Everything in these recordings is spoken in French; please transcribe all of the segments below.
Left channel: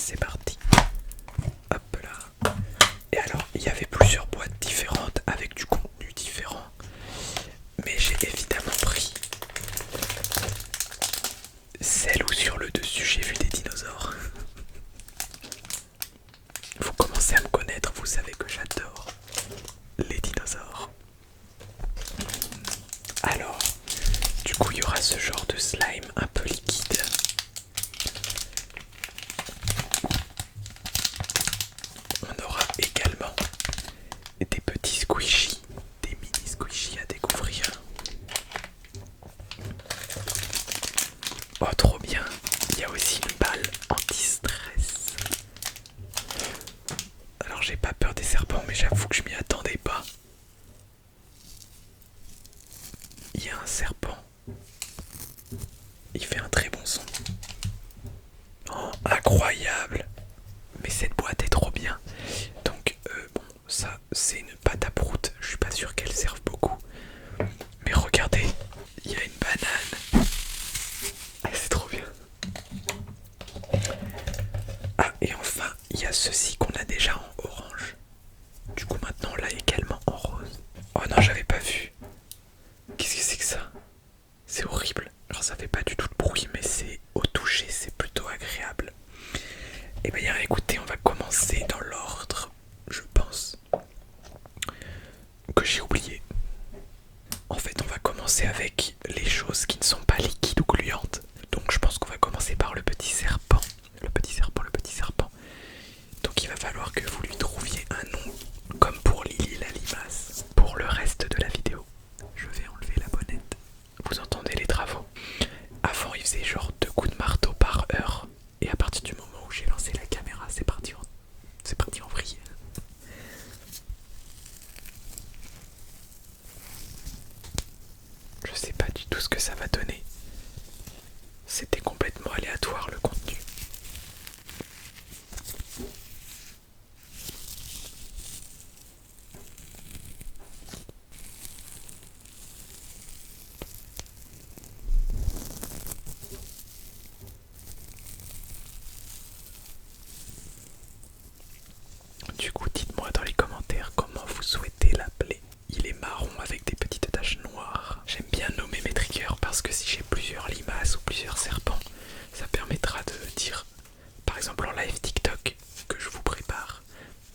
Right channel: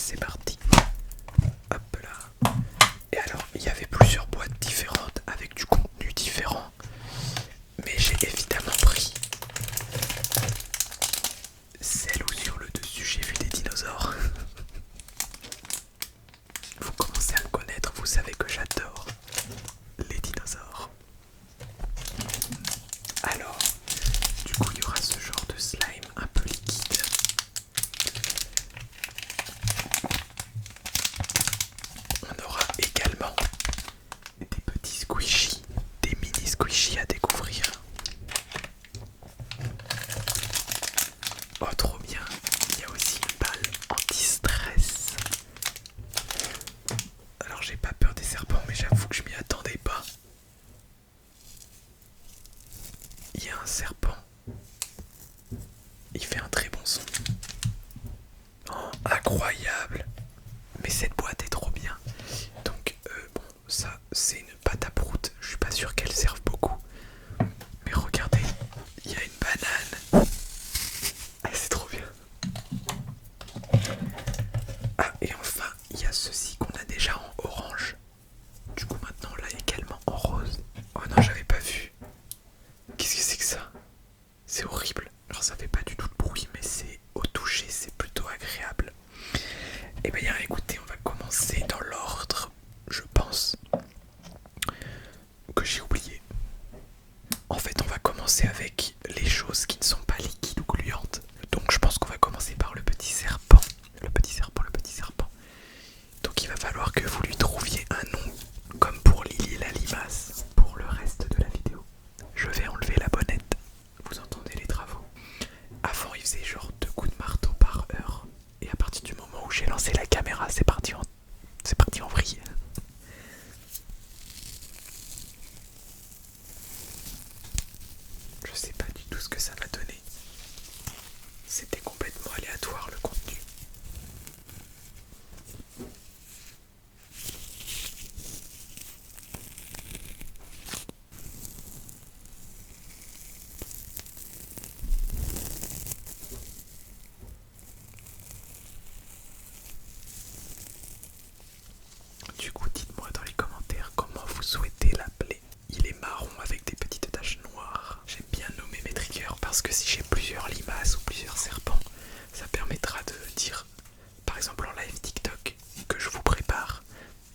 c'est parti. Hop là. Et alors, il y avait plusieurs boîtes différentes avec du contenu différent. Mais j'ai évidemment pris celle où sur le dessus j'ai vu des dinosaures. Vous commencez à me connaître, vous savez que j'adore les dinosaures. Alors, du coup il y aura ce genre de slime un peu liquide. On aura également des petits squishies, des mini squishies à découvrir. Oh trop bien, il y a aussi une balle anti-stress. Alors j'ai pas peur des serpents mais j'avoue que je m'y attendais pas. Il y a un serpent. Il fait un très bon son. Oh, incroyable. Mais cette boîte est trop bien. Donc bon, ça c'est une pâte à prout. Je suis pas sûr qu'elle serve beaucoup. Mais regardez, il y a une banane. Ah, c'est trop bien. Ah, et enfin, il y a ceci qu'on a déjà en orange. Du coup maintenant on l'a également en rose. Oh non, j'avais pas vu. Qu'est-ce que c'est que ça? C'est horrible. Alors ça fait pas du tout de bruit, mais c'est au toucher, c'est plutôt agréable. Et bien écoutez, on va commencer dans l'ordre, je pense, que j'ai oublié. En fait, on va commencer avec les choses qui ne sont pas liquides ou gluantes. Donc je pense qu'on va commencer par le petit serpent. Le petit serpent, le petit serpent. Donc il va falloir que vous lui trouviez un nom, comme pour Lily la limace, pour le reste de la vidéo. Je vais enlever la bonnette. Vous entendez les travaux. Avant, il faisait genre 2 coups de marteau par heure. Et à partir du moment où j'ai lancé la caméra, c'est parti en vrille. Je sais pas du tout ce que ça va donner. C'était complètement aléatoire le contenu. Du coup, dites-moi dans les commentaires comment vous souhaitez l'appeler. Il est marron avec des petites taches noires. J'aime bien nommer mes triggers parce que si j'ai plusieurs limaces ou plusieurs serpents, ça permettra de dire, par exemple en live TikTok, que je vous prépare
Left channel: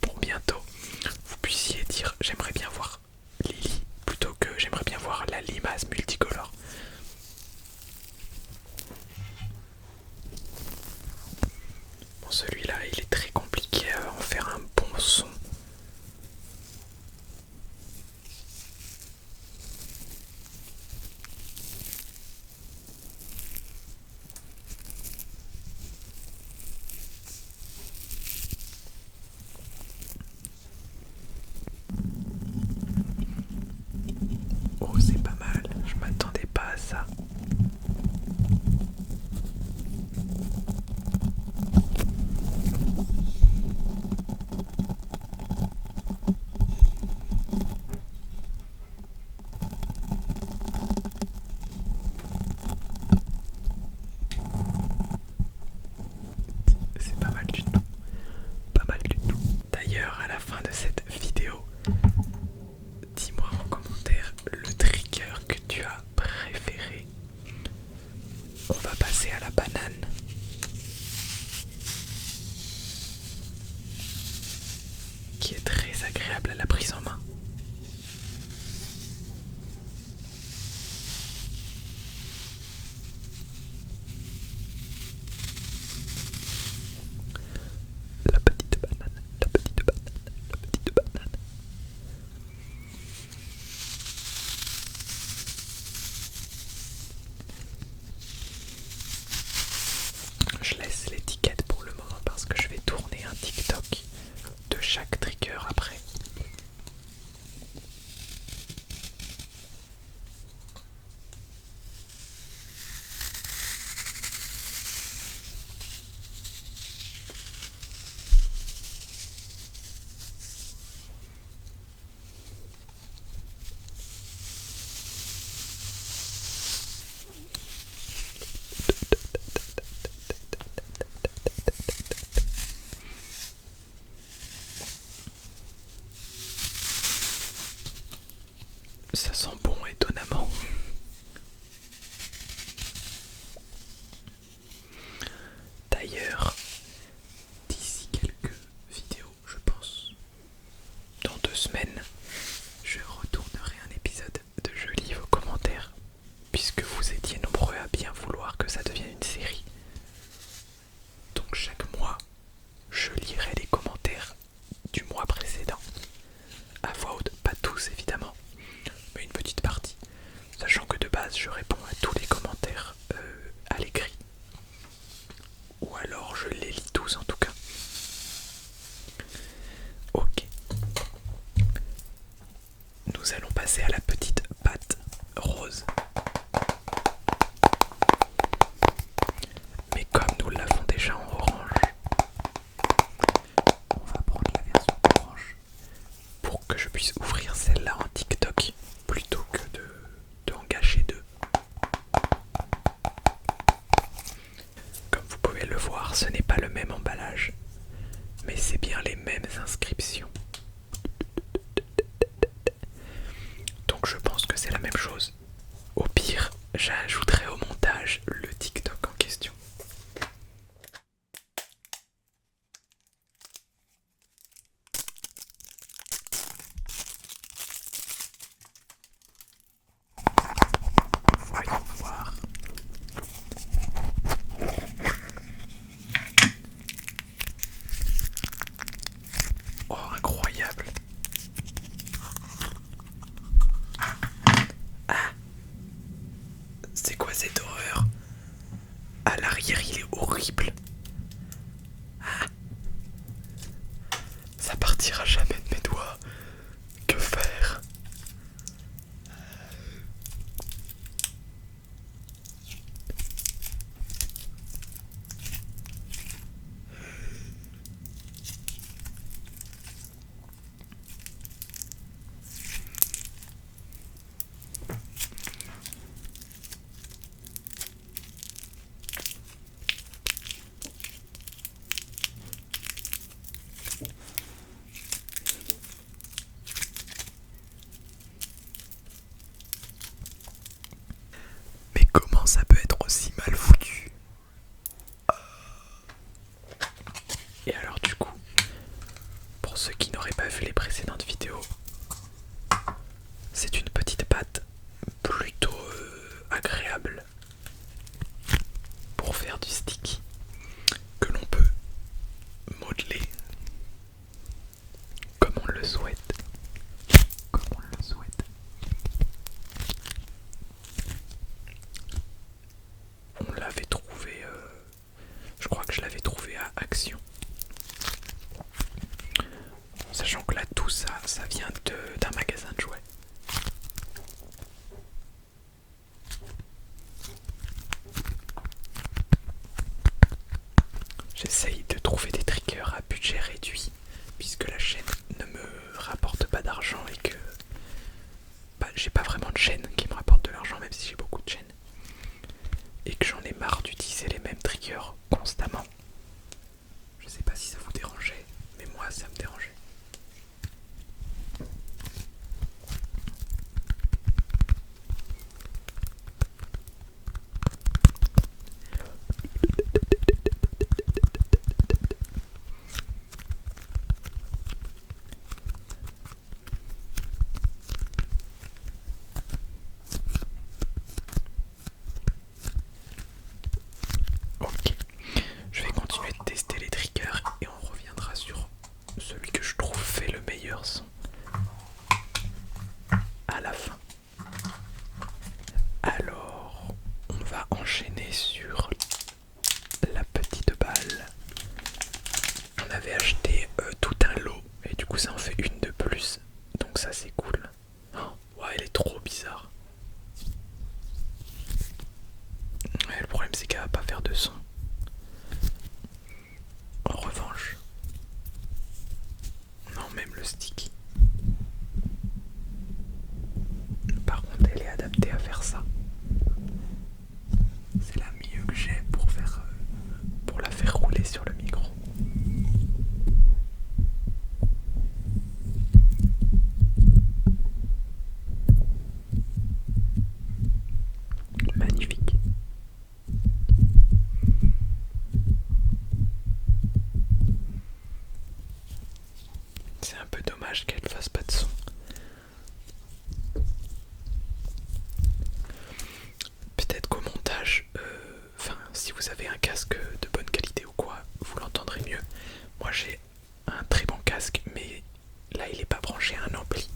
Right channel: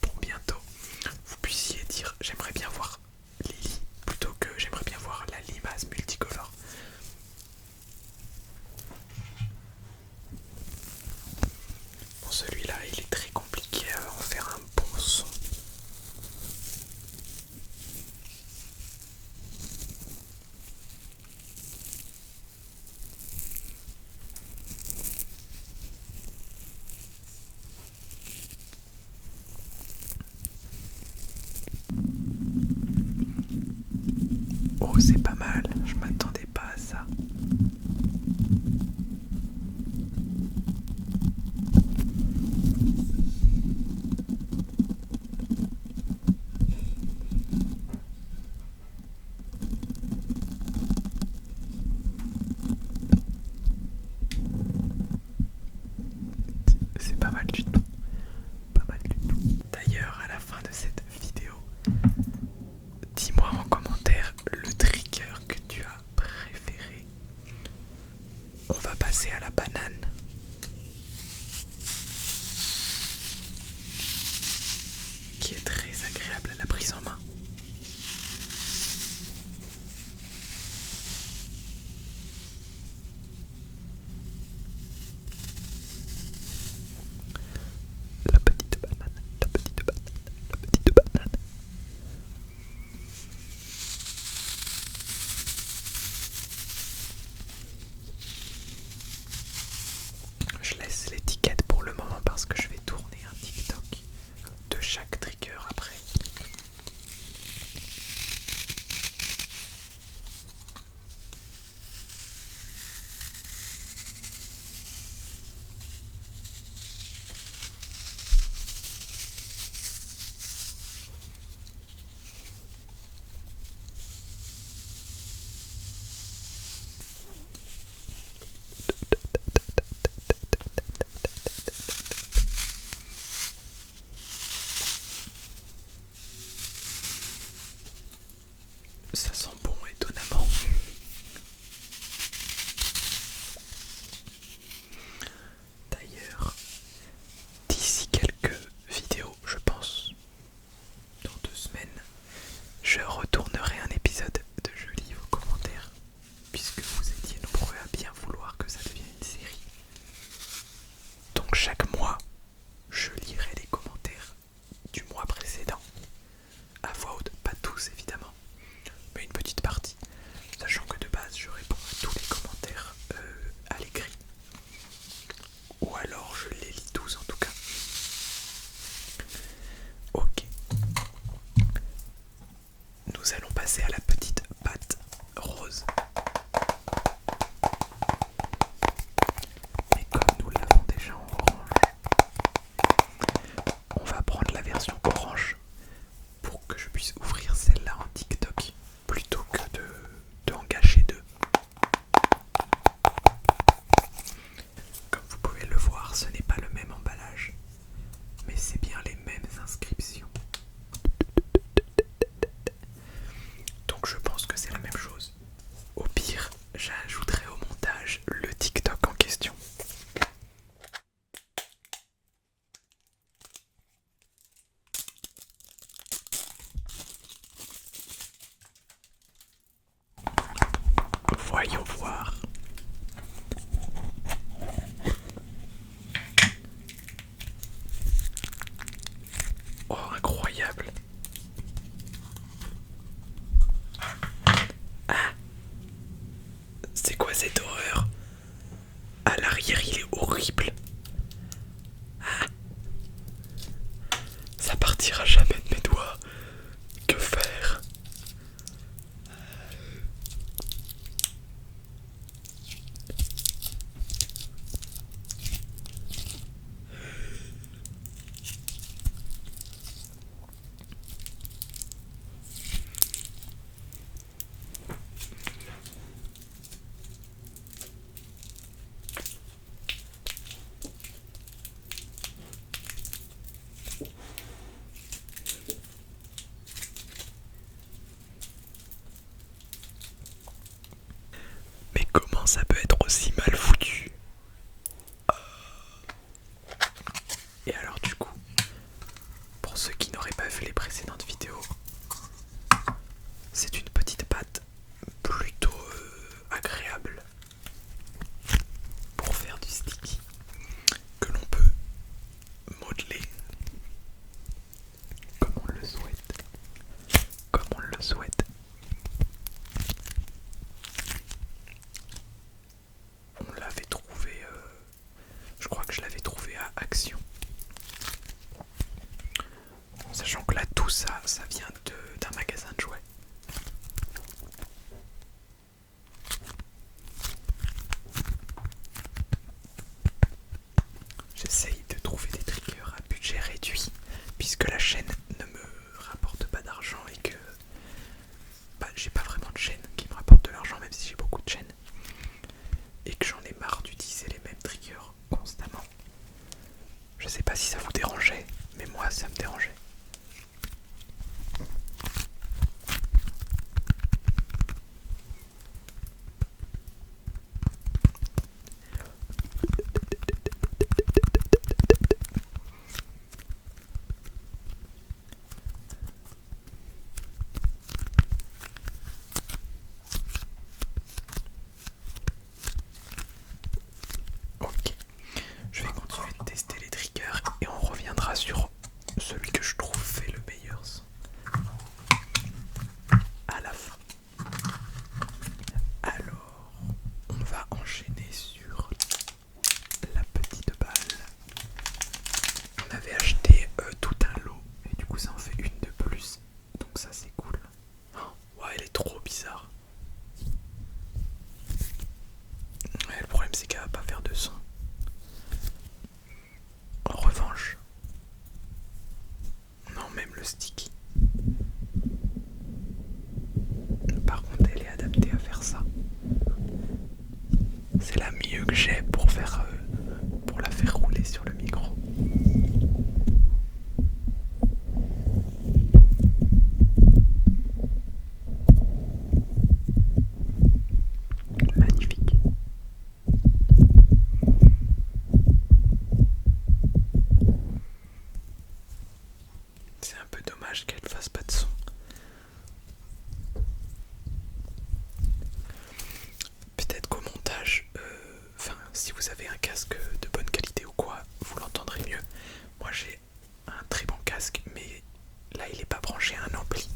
pour bientôt, vous puissiez dire j'aimerais bien voir Lily plutôt que j'aimerais bien voir la limace multicolore. Bon, celui-là il est très compliqué à en faire un bon son. Oh, c'est pas mal, je m'attendais pas à ça. C'est pas mal du tout. Pas mal du tout. D'ailleurs, à la fin de cette vidéo, dis-moi en commentaire le trigger que tu as préféré. On va passer à la banane. Qui est très agréable à la prise en main. La petite banane, la petite banane, la petite banane. Je laisse l'étiquette pour le moment parce que je vais tourner un TikTok de chaque trigger après. Ça sent bon étonnamment. D'ailleurs, d'ici quelques vidéos, je pense, dans 2 semaines, je retournerai un épisode de Je lis vos commentaires, puisque vous étiez nombreux à bien vouloir que ça devienne une série. Donc chaque mois, je lirai les commentaires du mois précédent, à voix haute, pas tous évidemment, mais une petite partie, sachant que de base je réponds à tous les commentaires à l'écrit, ou alors je les lis tous en tout cas. Ok, nous allons passer à la petite pâte rose. Mais comme nous l'avons déjà en orange, on va prendre la version orange pour que je puisse ouvrir celle-là en TikTok plutôt que de en gâcher deux. Comme vous pouvez le voir, ce n'est pas le même emballage, mais c'est bien les mêmes inscriptions. Donc je pense que c'est la même chose. Au pire, j'ajouterai au montage le TikTok en question. Voyons voir. Oh, incroyable. Ah, c'est quoi cette horreur? À l'arrière, il est horrible. Ah, ça partira jamais de mes doigts. Que faire? Mais comment ça peut être aussi mal foutu? Et alors du coup, pour ceux qui n'auraient pas vu les précédentes vidéos, c'est une petite pâte plutôt agréable pour faire du sticky que l'on peut modeler comme on le souhaite. Comme on le souhaite. On l'avait trouvé, je crois que je l'avais trouvé à Action. Sachant que là tout ça, ça vient d'un magasin de jouets. J'essaye de trouver des triggers à budget réduit, puisque la chaîne ne me rapporte pas d'argent et que j'ai pas vraiment de chaîne qui me rapporte de l'argent, même si j'ai beaucoup de chaînes. Et que j'en ai marre d'utiliser les mêmes triggers constamment. Je sais pas si ça vous dérangeait, mais moi ça me dérangeait. Ok, je vais continuer de tester les triggers et on reviendra sur celui que je trouve fait le meilleur son à la fin. Alors, on va enchaîner sur la petite balle. On avait acheté tout un lot et du coup ça en fait une de plus, donc ça c'est cool. Oh, ouais, elle est trop bizarre. Ouais, le problème c'est qu'elle va pas faire de son. En revanche, non, même le sticky. Par contre, elle est adaptée à faire ça. C'est la mieux que j'ai pour la faire rouler sur le micro. dommage qu'elle fasse pas de son. Peut-être qu'au montage, si vous avez un casque de bonne qualité ou quoi, vous l'entendrez mieux. Moi j'ai un très bon casque, mais là il n'est pas branché à un ampli.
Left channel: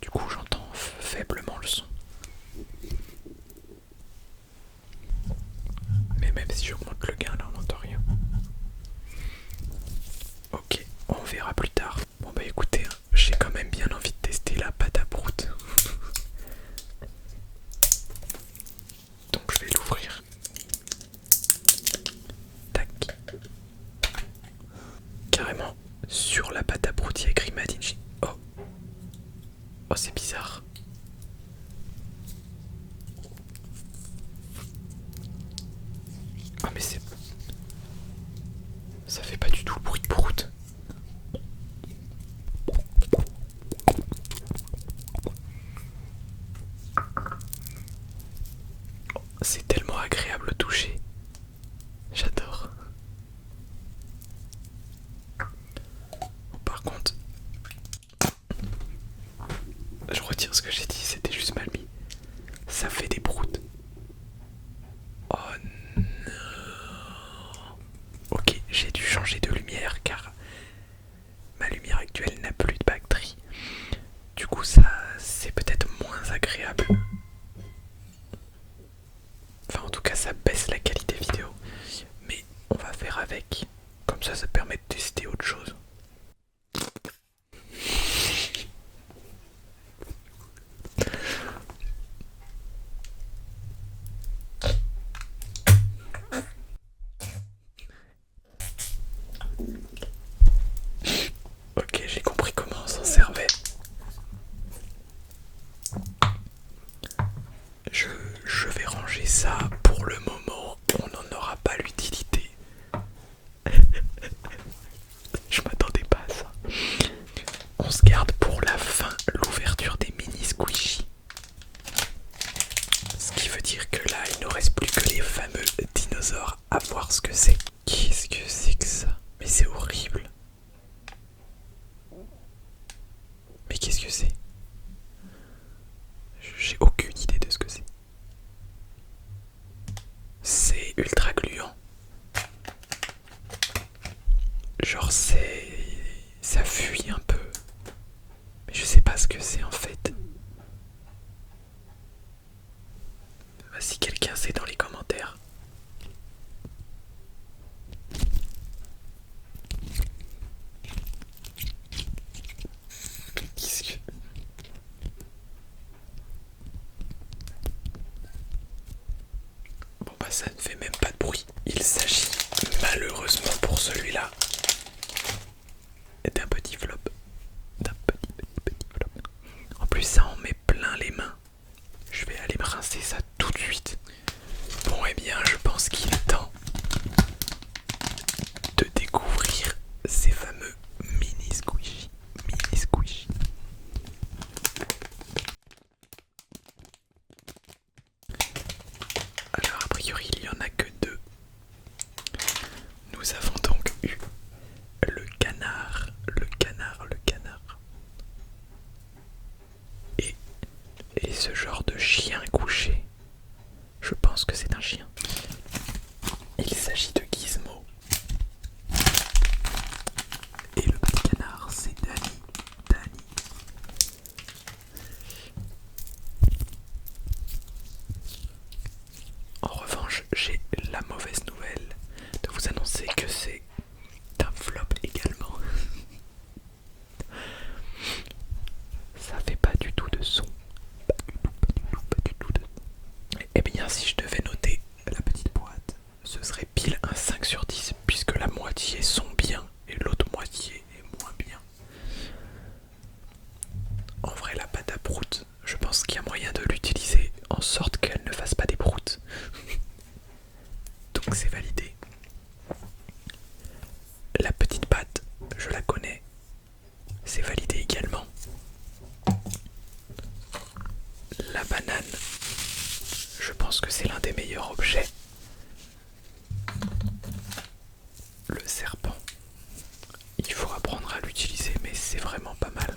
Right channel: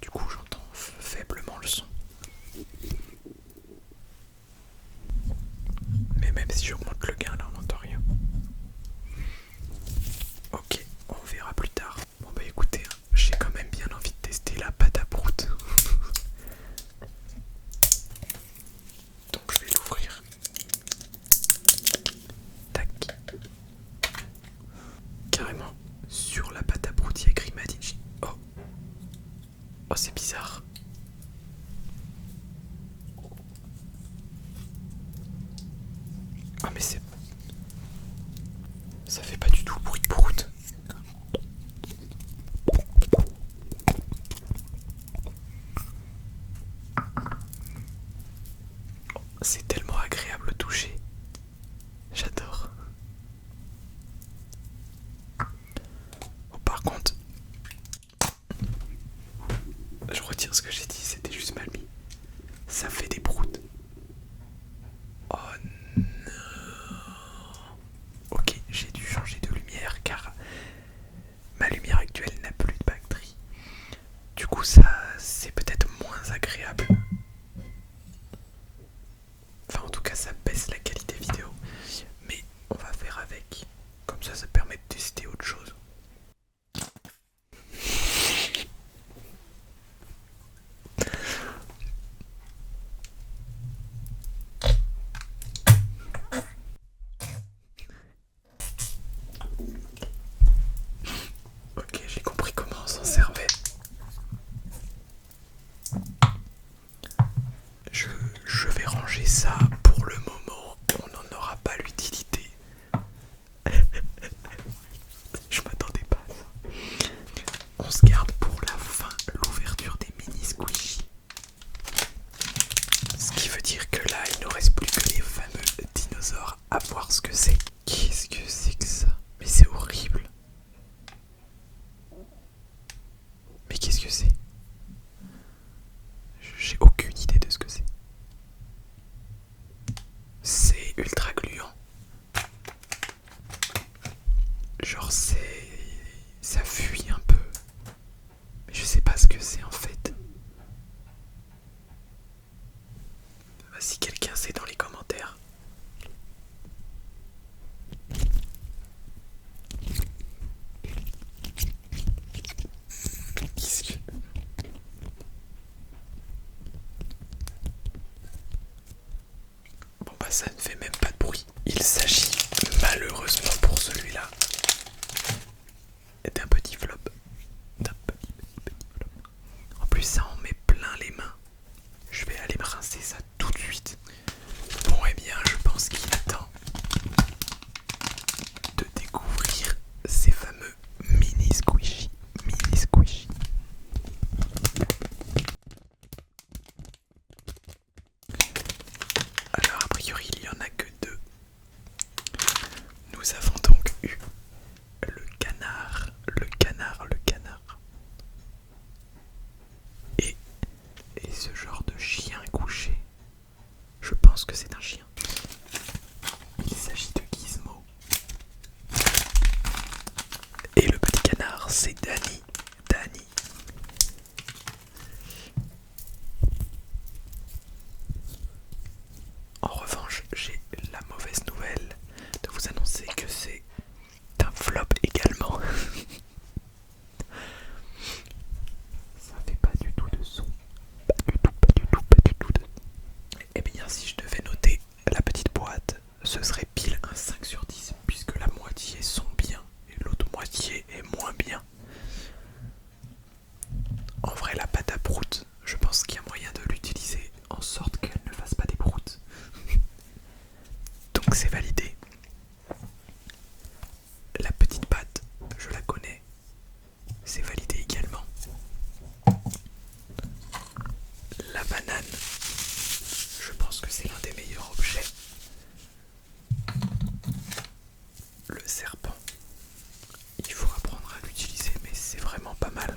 Du coup j'entends faiblement le son. Mais même si j'augmente le gain, là on n'entend rien. Ok, on verra plus tard. Bon bah écoutez, j'ai quand même bien envie de tester la pâte à prout. Donc je vais l'ouvrir. Tac. Carrément, sur la pâte à prout, il y a écrit Made in Chine. Oh. Oh, c'est bizarre. Ah mais c'est... Ça fait pas du tout le bruit de prout. C'est tellement agréable au toucher. J'adore. Bon, par contre, je retire ce que j'ai dit, c'était juste mal mis. Ça fait des proutes. Oh non. Ok, j'ai dû changer de lumière car ma lumière actuelle n'a plus de batterie. Du coup, ça, c'est peut-être moins agréable. Enfin, en tout cas, ça baisse la qualité vidéo. Mais on va faire avec. Comme ça permet de tester autre chose. Ok, j'ai compris comment on s'en servait. Je vais ranger ça pour le moment. On n'en aura pas l'utilité. Je m'attendais pas à ça. On se garde pour la fin l'ouverture des mini squishy. Ce qui veut dire que là, il ne reste plus que les fameux dinosaures à voir ce que c'est. Qu'est-ce que c'est que ça? Mais c'est horrible. Mais qu'est-ce que c'est? J'ai aucune idée de ce que c'est. C'est ultra gluant. Genre ça fuit un peu. Mais je sais pas ce que c'est en fait. Si quelqu'un sait dans les commentaires. Qu'est-ce que... Bon bah ça ne fait même pas de bruit. Il s'agit malheureusement pour celui-là d'un petit flop. D'un petit flop. En plus ça en met plein les mains. Je vais aller me rincer ça tout de suite. Bon eh bien je pense qu'il est temps de découvrir ces fameux mini squishy. Mini squishy. Alors a priori il n'y en a que deux. Nous avons donc eu le canard. Et ce genre de chien couché. Je pense que c'est un chien. Il s'agit de Gizmo. Et le petit canard, c'est Danny. En revanche, j'ai la mauvaise nouvelle de vous annoncer que c'est un flop également. Ça fait pas du tout de son. Pas du tout de... Eh bien, si je devais noter la petite boîte, ce serait pile un 5 sur 10, puisque la moitié sont bien et l'autre moitié est moins bien. En vrai, la pâte à prout, je pense qu'il y a moyen de l'utiliser en sorte qu'elle ne fasse pas des proutes. Donc c'est validé. La petite pâte, je la connais. C'est validé également. La banane, je pense que c'est l'un des meilleurs objets. Le serpent, il faut apprendre à l'utiliser, mais c'est vraiment pas mal.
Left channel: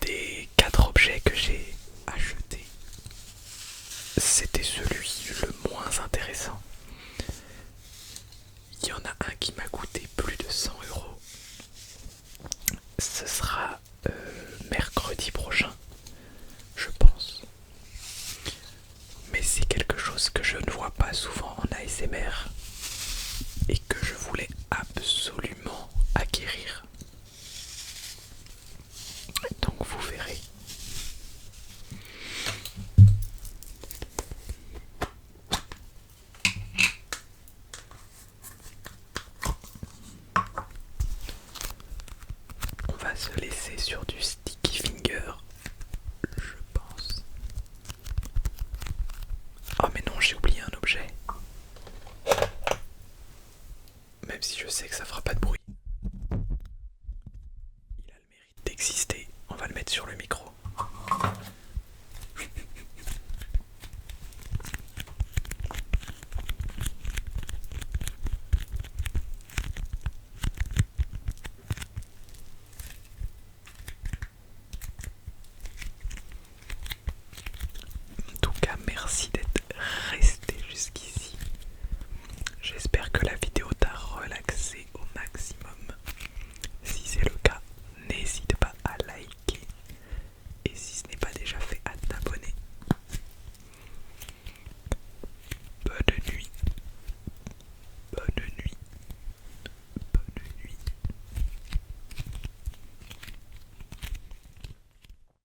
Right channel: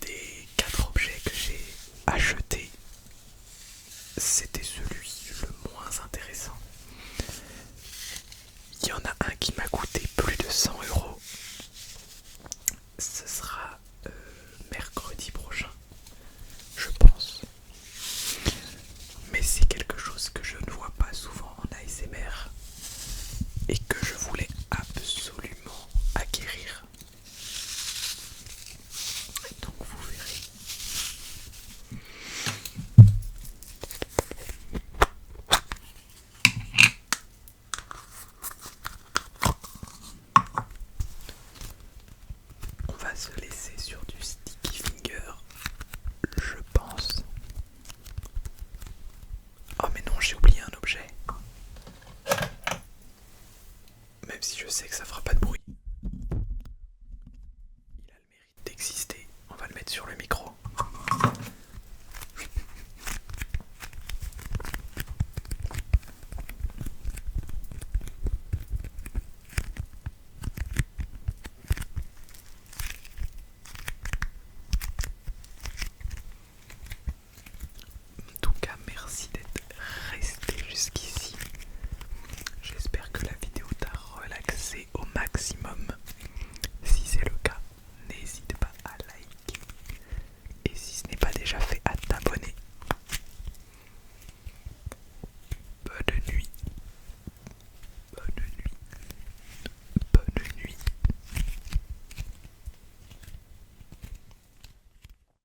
des 4 objets que j'ai achetés, c'était celui le moins intéressant. Il y en a un qui m'a coûté plus de 100 €. Ce sera mercredi prochain, je pense. Mais c'est quelque chose que je ne vois pas souvent en ASMR et que je voulais absolument acquérir. Donc vous verrez. On va se laisser sur du sticky finger, je pense. Oh mais non, j'ai oublié un objet. Même si je sais que ça fera pas de bruit. Il a le mérite d'exister. On va le mettre sur le micro.